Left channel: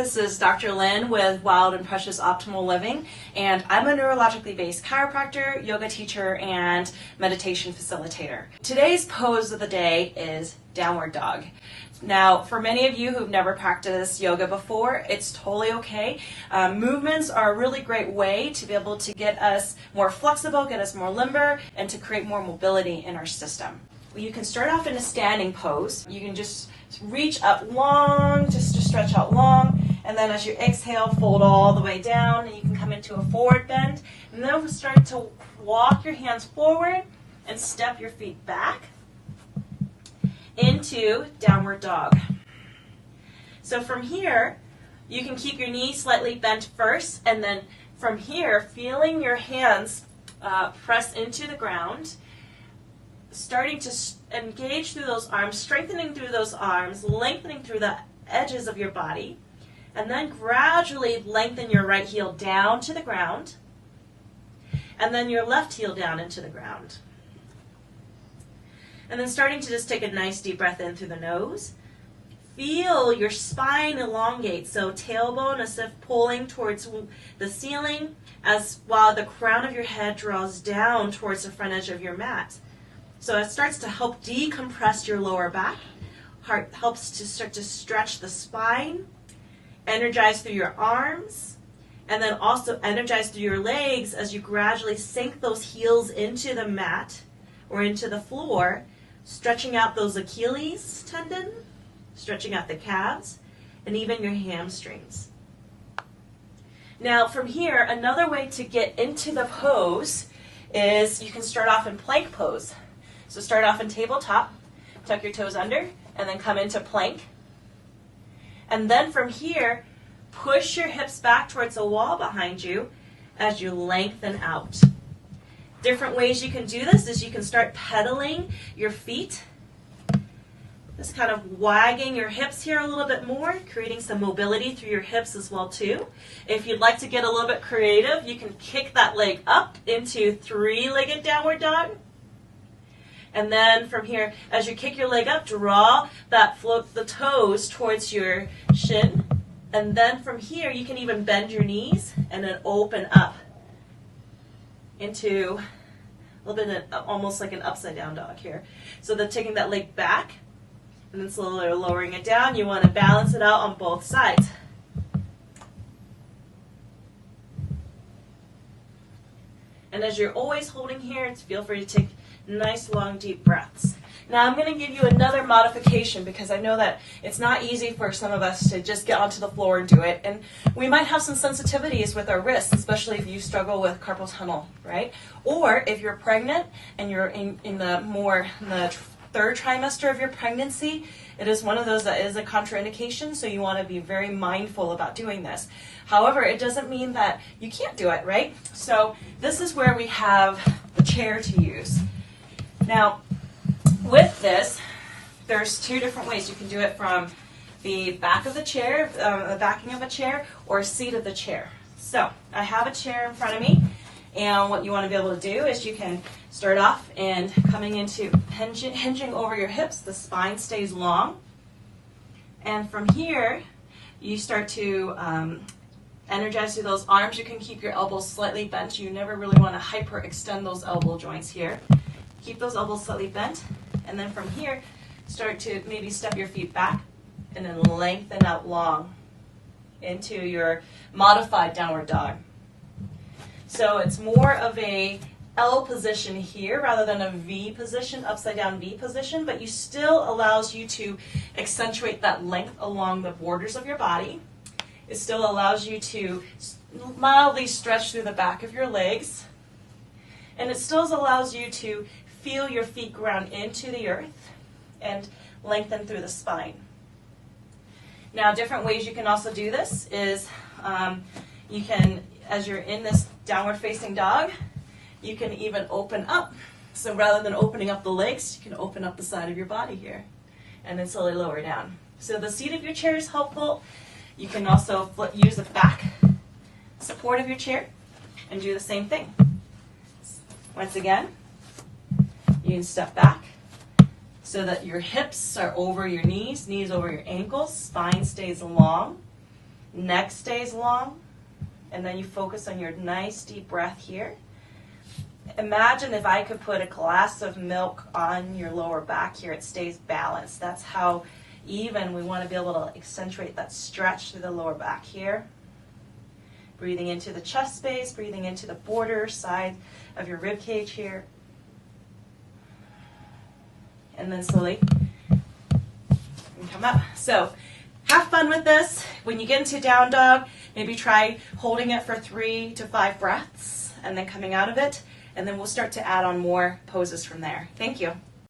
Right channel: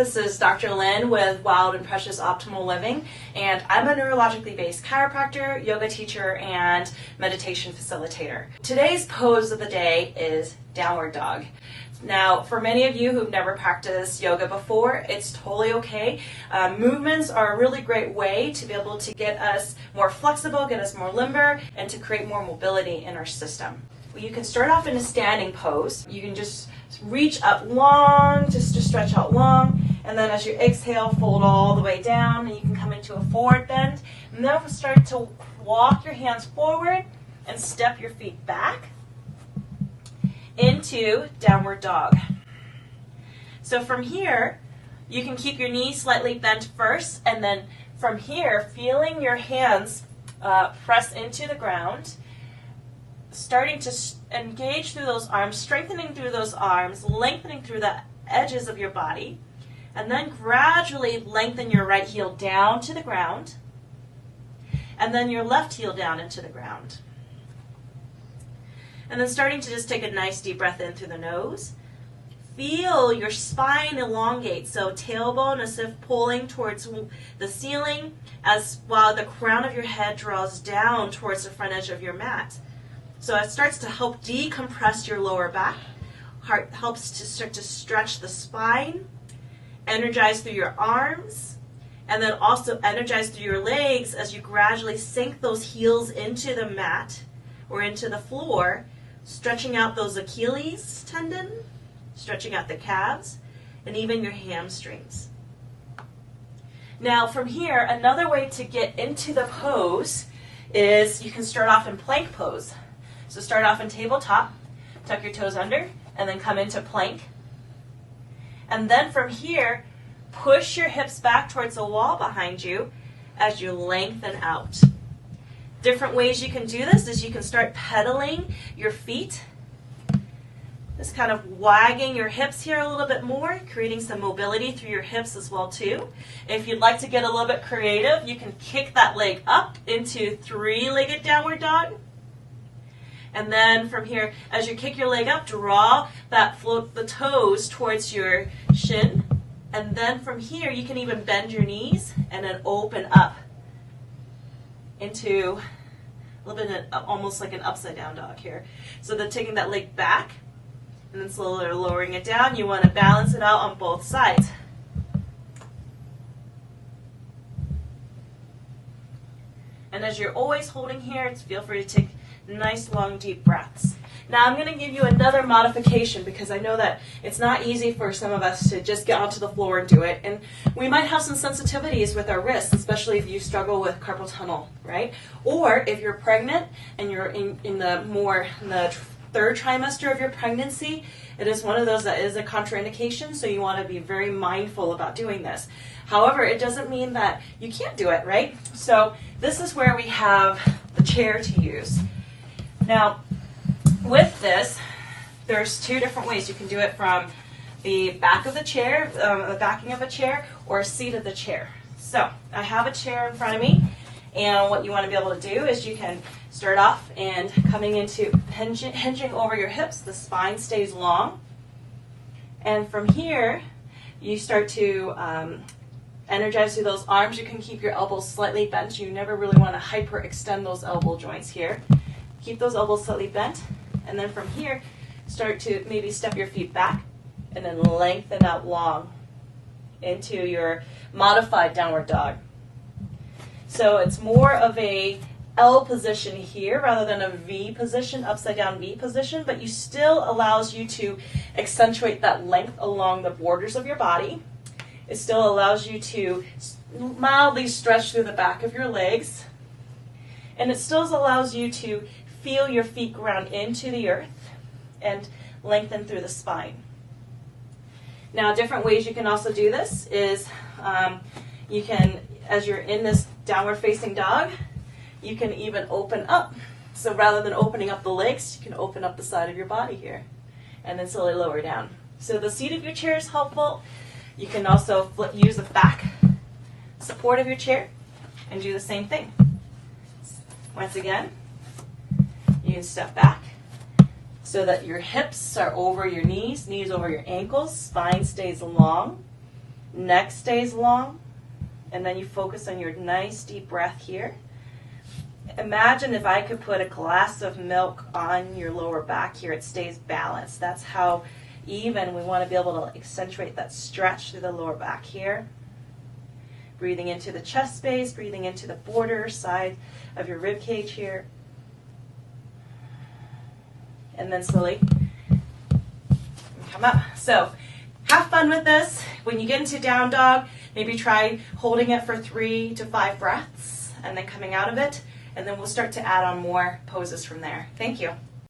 this is Dr. Lynn with Wild and Precious Optimal Living, and I'm a neurologically based chiropractor, yoga teacher, and meditation facilitator. Today's pose of the day is downward dog. Now, for many of you who've never practiced yoga before, it's totally okay. Movements are a really great way to be able to get us more flexible, get us more limber, and to create more mobility in our system. You can start off in a standing pose. You can just reach up long, just to stretch out long, and then as you exhale, fold all the way down, and you can come into a forward bend, and then start to walk your hands forward and step your feet back into downward dog. So from here, you can keep your knees slightly bent first, and then from here, feeling your hands press into the ground, starting to engage through those arms, strengthening through those arms, lengthening through the edges of your body, and then gradually lengthen your right heel down to the ground, and then your left heel down into the ground. And then starting to just take a nice deep breath in through the nose. Feel your spine elongate, so tailbone as if pulling towards the ceiling, as while the crown of your head draws down towards the front edge of your mat. So it starts to help decompress your lower back. Heart helps to start to stretch the spine, energize through your arms, and then also energize through your legs as you gradually sink those heels into the mat or into the floor, stretching out those Achilles tendon, stretching out the calves, and even your hamstrings. Now from here, another way to get into the pose is you can start off in plank pose. So start off in tabletop, tuck your toes under, and then come into plank. And then from here, push your hips back towards the wall behind you as you lengthen out. Different ways you can do this is you can start pedaling your feet, just kind of wagging your hips here a little bit more, creating some mobility through your hips as well too. If you'd like to get a little bit creative, you can kick that leg up into three-legged downward dog. And then from here, as you kick your leg up, draw that float the toes towards your shin. And then from here, you can even bend your knees and then open up into a little bit of almost like an upside down dog here. So then taking that leg back and then slowly lowering it down. You want to balance it out on both sides. And as you're always holding here, feel free to take nice long deep breaths. Now I'm going to give you another modification because I know that it's not easy for some of us to just get onto the floor and do it, and we might have some sensitivities with our wrists, especially if you struggle with carpal tunnel, right? Or if you're pregnant and you're in the third trimester of your pregnancy, it is one of those that is a contraindication, so you want to be very mindful about doing this. However, it doesn't mean that you can't do it, right? So this is where we have the chair to use. Now, with this, there's two different ways. You can do it from the back of the chair, the backing of a chair, or a seat of the chair. So, I have a chair in front of me, and what you want to be able to do is you can start off and coming into hinging over your hips, the spine stays long. And from here, you start to energize through those arms. You can keep your elbows slightly bent. You never really want to hyperextend those elbow joints here. Keep those elbows slightly bent, and then from here, start to maybe step your feet back, and then lengthen out long into your modified downward dog. So it's more of a L position here rather than a V position, upside down V position, but you still allows you to accentuate that length along the borders of your body. It still allows you to mildly stretch through the back of your legs, and it still allows you to feel your feet ground into the earth and lengthen through the spine. Now, different ways you can also do this is you can, as you're in this downward facing dog, you can even open up. So rather than opening up the legs, you can open up the side of your body here and then slowly lower down. So the seat of your chair is helpful. You can also use the back support of your chair and do the same thing. Once again, you can step back so that your hips are over your knees, knees over your ankles, spine stays long. Neck stays long, and then you focus on your nice deep breath here. Imagine if I could put a glass of milk on your lower back here, it stays balanced. That's how even we want to be able to accentuate that stretch through the lower back here. Breathing into the chest space, breathing into the border side of your rib cage here. And then slowly come up. So have fun with this. When you get into down dog, maybe try holding it for 3 to 5 breaths and then coming out of it. And then we'll start to add on more poses from there. Thank you.